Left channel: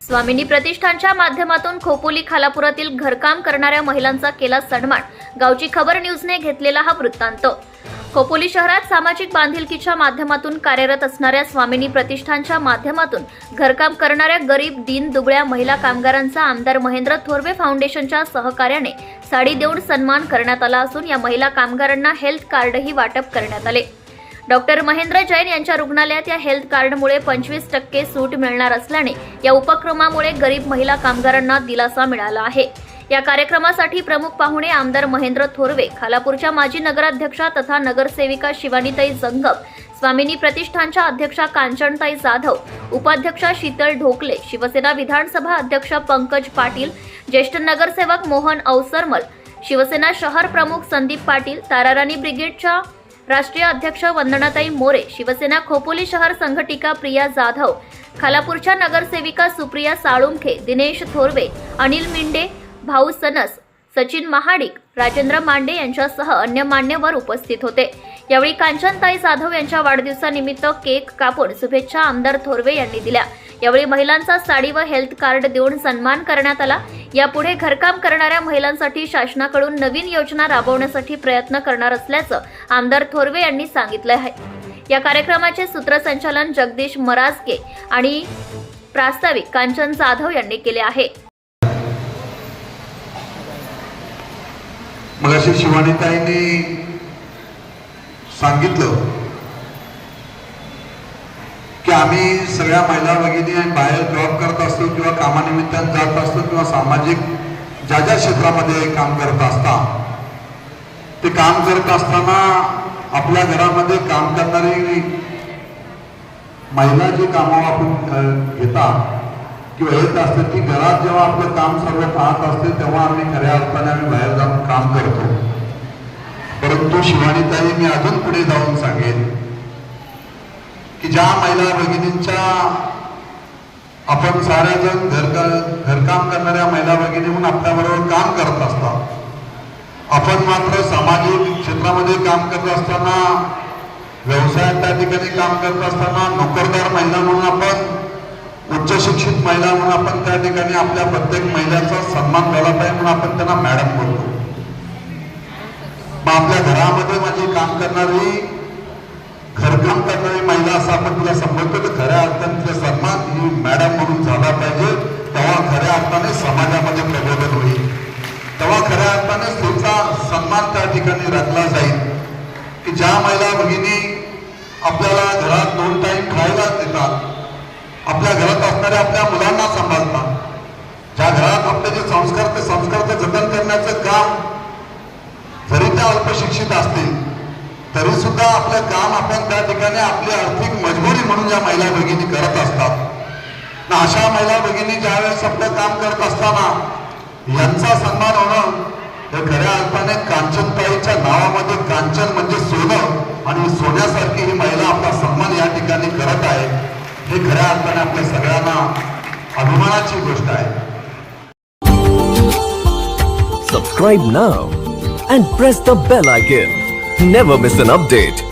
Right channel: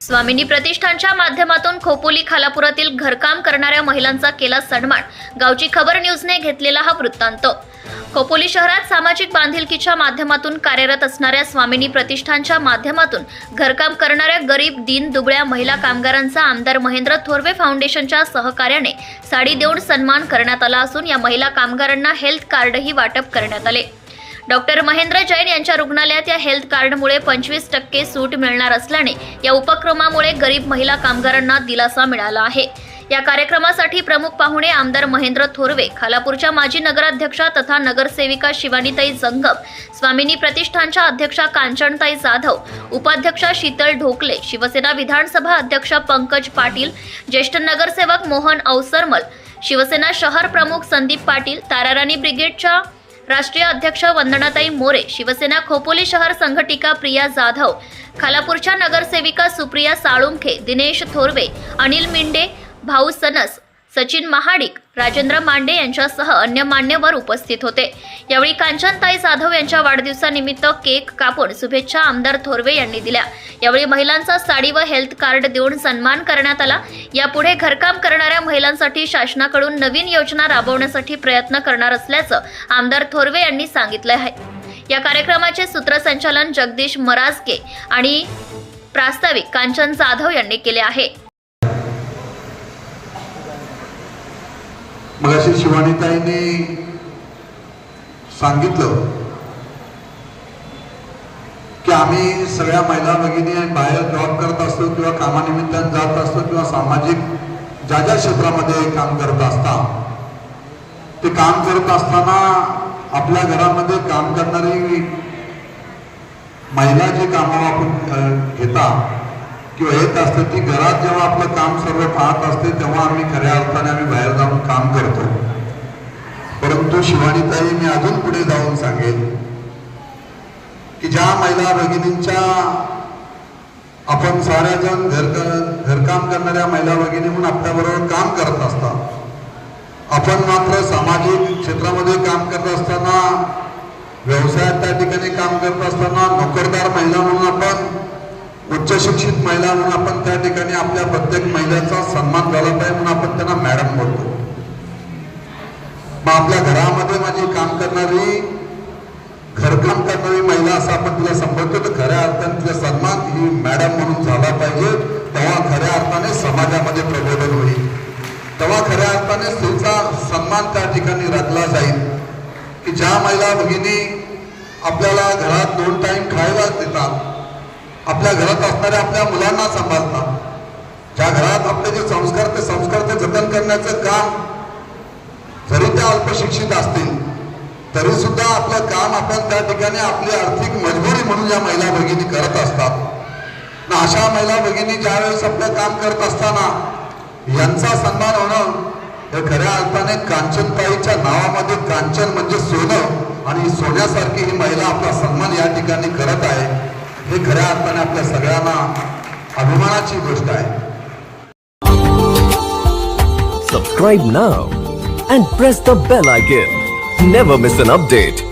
स्वामिनी प्रतिष्ठानच्या माध्यमातून खोपोली खालापुरातील घरकाम करणाऱ्या महिलांचा केला सन्मान. गावची खबर न्यूजने घेतलेला हा वृत्तांत. खोपोली शहरात सामाजिक बांधिलकीच्या माध्यमातून कार्यरत असणाऱ्या स्वामिनी प्रतिष्ठानच्या माध्यमातून घरकाम करणाऱ्या गरीब दिन दुबळ्या महिला कामगारांचा आमदार महेंद्र थोरवे फाउंडेशनच्या सहकार्याने साडी देऊन सन्मान करण्यात आला असून या महिला कामगारांना हेल्थ कार्डही वाटप करण्यात आले. डॉक्टर महेंद्र जैन यांच्या रुग्णालयात या हेल्थ कार्डमुळे पंचवीस टक्के सूट मिळणार असल्याने या उपक्रमामुळे गरीब महिला कामगारांना दिलासा मिळाला आहे. या कार्यक्रमासाठी प्रमुख पाहुणे आमदार महेंद्र थोरवे खालापूरच्या माजी नगराध्यक्षा तथा नगरसेविका शिवानीताई जंगम स्वामिनी प्रतिष्ठानच्या अध्यक्षा कांचनताई जाधव उपाध्यक्षा शीतल ढोकले शिवसेना विधानसभा अध्यक्ष पंकज पाटील ज्येष्ठ नगरसेवक मोहन अवसरमल शिवसेना शहर प्रमुख संदीप पाटील ताराराणी ब्रिगेडच्या राष्ट्रीय अध्यक्ष वंदनाताई मोरे शिवसेना खोपोली शहर संघटिका प्रिया जाधव खालापूरच्या नगरसेविका सुप्रिया साळुंखे दिनेश थोरवे अनिल मिंडे भाऊ सनस सचिन महाडिक राजेंद्र मांडे यांच्यासह अन्य मान्यवर उपस्थित होते. यावेळी कांचनताई जाधव यांच्या वाढदिवसानिमित्त केक कापून शुभेच्छा आमदार थोरवे यांनी दिल्या. यावेळी महिलांचा साडी व हेल्थ कार्ड देऊन सन्मान करण्यात आला. यापुढे घरकाम करणाऱ्या महिलांसाठी शासनाकडून नवीन योजना राबवण्यासाठी प्रयत्न करणार असल्याचं आमदार थोरवे यांनी सांगितलं आहे. या कार्यक्रमाचे सूत्रसंचालन जगदीश मराजके आणि प्रास्ताविक कांचन जाधव यांनी केले आहे. मग अशी शिवानीताईने सांगितलं की आम्ही सगळ्या महिला भगिनी बाहेर जॉब करत असतो किंवा कामानिमित्तानं जात असतो किंवा सामाजिक ज्या ज्या क्षेत्रामध्ये काम करत असता ते काम करत असताना आपल्या घरामध्ये काम करणारी महिला जे कामाला आपण किंवा येत असते की घरात जेव्हा आपलं काम सर्व पाहत असते तेव्हा आम्ही खऱ्या अर्थाने आम्ही बाहेर जाऊन काम करतो. परंतु शिवानीताई मी अजून पुढे जाऊन सांगेन की ज्या महिला भगिनींच्या आपण सारेजण घर घरकाम करणाऱ्या महिला भगिनी म्हणून आपल्याबरोबर काम करत असतात. आपण मात्र सामाजिक क्षेत्रामध्ये काम करत असताना व्यवसायात त्या ठिकाणी काम करत असताना नोकरदार महिला म्हणून आपण उच्च शिक्षित महिला म्हणून आपण त्या ठिकाणी आपल्या प्रत्येक महिलांचा सन्मान झाला पाहिजे म्हणून आपण त्यांना मॅडम बोलतो. मग आपल्या घरामध्ये माझी काम करणारी घरकाम करणारी महिला असं आपण तिला संबोधतो तर खऱ्या अर्थाने तिला सन्मान ही मॅडम म्हणून झाला पाहिजे. तेव्हा खऱ्या अर्थाने समाजामध्ये प्रबोधन होईल. तेव्हा खऱ्या अर्थाने स्त्रीचा सन्मान त्या ठिकाणी राखला जाईल. की ज्या महिला भगिनी आपल्याला घरात दोन टाईम खायला देतात आपल्या घरात असणाऱ्या आपल्या मुलांना सांभाळतात ज्या घरात आपले जे संस्कार ते संस्कार ते जतन करण्याचं काम जरी त्या अल्पशिक्षित असतील तरी सुद्धा आपलं काम आपण त्या ठिकाणी आपली आर्थिक मजबुरी म्हणून या महिला भगिनी करत असतात. अशा महिला भगिनी ज्यावेळेस आपलं काम करत असताना यांचा सन्मान होणं हे खऱ्या अर्थाने कांचनताईच्या नावामध्ये कांचन म्हणजे सोनं आणि सोन्यासारखी ही महिला आपला सन्मान या ठिकाणी करत आहे हे खऱ्या अर्थाने आपल्या सगळ्यांना अभिमानाची गोष्ट आहे Subscribe now and press the bell icon. Never miss an update.